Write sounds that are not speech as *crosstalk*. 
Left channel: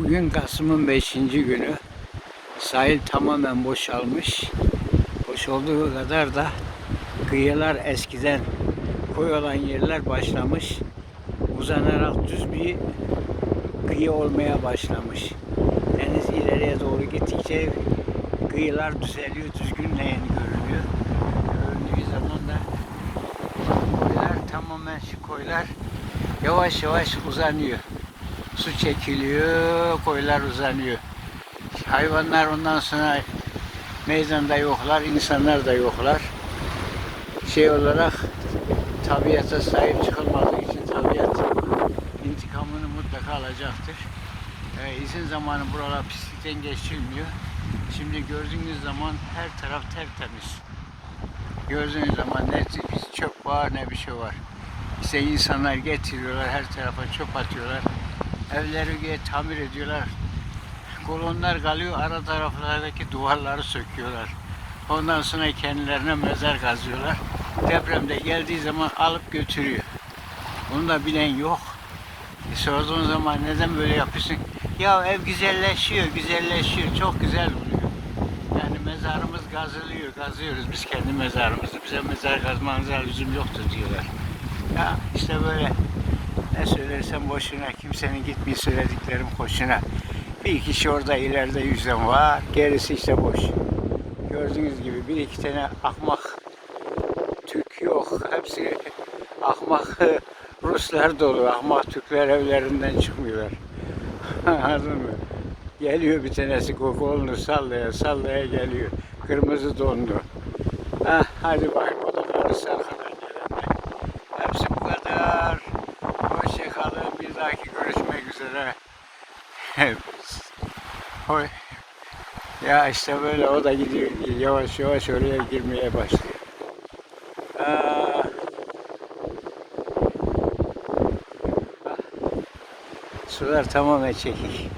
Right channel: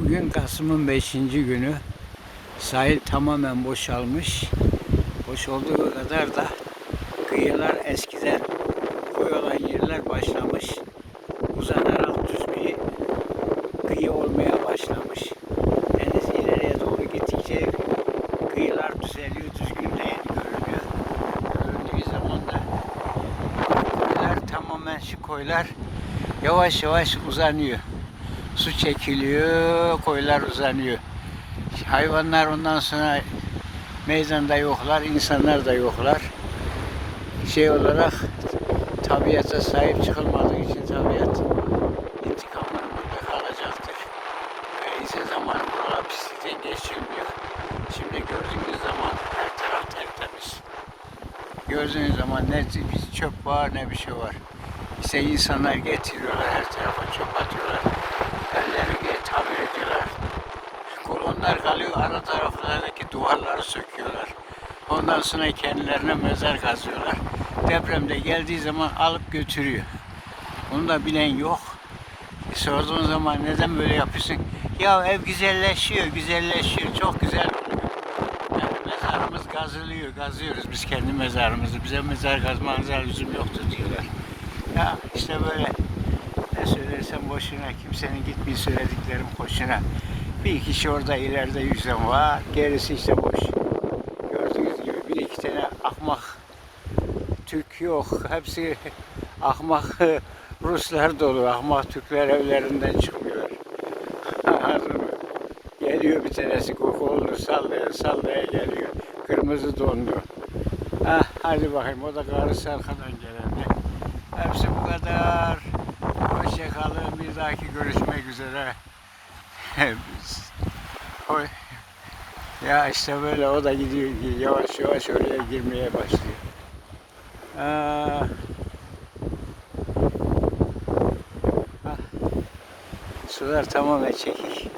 Bugün Kasım'ın 5. günü. Sahil tamamen boşalmış. Boş olduğu kadar da kıyılar eskiden koy olan yerler başlamış. Uzanarak düz bir kıyı olmaya başlamış. Deniz ileriye doğru gittikçe kıyılar düzeliyor, düzgünleyen görünüyor. Göründüğü zaman da tamamen şu koylar yavaş yavaş uzanıyor. Su çekiliyor, koylar uzanıyor. Hayvanlar ondan sonra meydanda yoklar, insanlar da yoklar. Şey olarak tabiata sahip çıkılmadığı için tabiat intikamını mutlaka alacaktır. Ve izin zamanı buralar pislikten geçilmiyor. Şimdi gördüğünüz zaman her taraf tertemiz. Gördüğünüz zaman ne çöp var ne bir şey var. İşte insanlar getiriyorlar, her tarafa çöp atıyorlar. Evleri diye tamir ediyorlar. Kolonlar kalıyor, ara taraflardaki duvarları söküyorlar. Ondan sonra kendilerine mezar kazıyorlar. Depremde geldiği zaman alıp götürüyor. Bunu da bilen yok. Sorduğun zaman neden böyle yapıyorsun? Ya ev güzelleşiyor, güzelleşiyor, çok güzel oluyor. Yani mezarımız gazılıyor, gazıyoruz biz kendi mezarımızı. Bize mezar kazmanıza lüzum yoktur diyorlar. Ya işte böyle ne söylersem boşuna, kimsenin gitmeyi söylediklerim hoşuna. Bir kişi orada ileride yüzden var, gerisi işte boş. Gördüğünüz gibi bir iki tane akmak Türk yok. Hepsi ahmak *laughs* Ruslar dolu. Ahmak Türkler evlerinden çıkmıyorlar. *laughs* Anladın mı? Geliyor bir tanesi kolunu sallaya sallaya geliyor. Kırmızı donlu. Ah, hadi bakayım o da karısı arkadan gelen. Hepsi bu kadar. Hoşçakalın. Bir dahaki *laughs* Hoy. Ya işte böyle o da gidiyor yavaş yavaş oraya girmeye başlıyor. Aa. Ah. Sular tamamen çekik.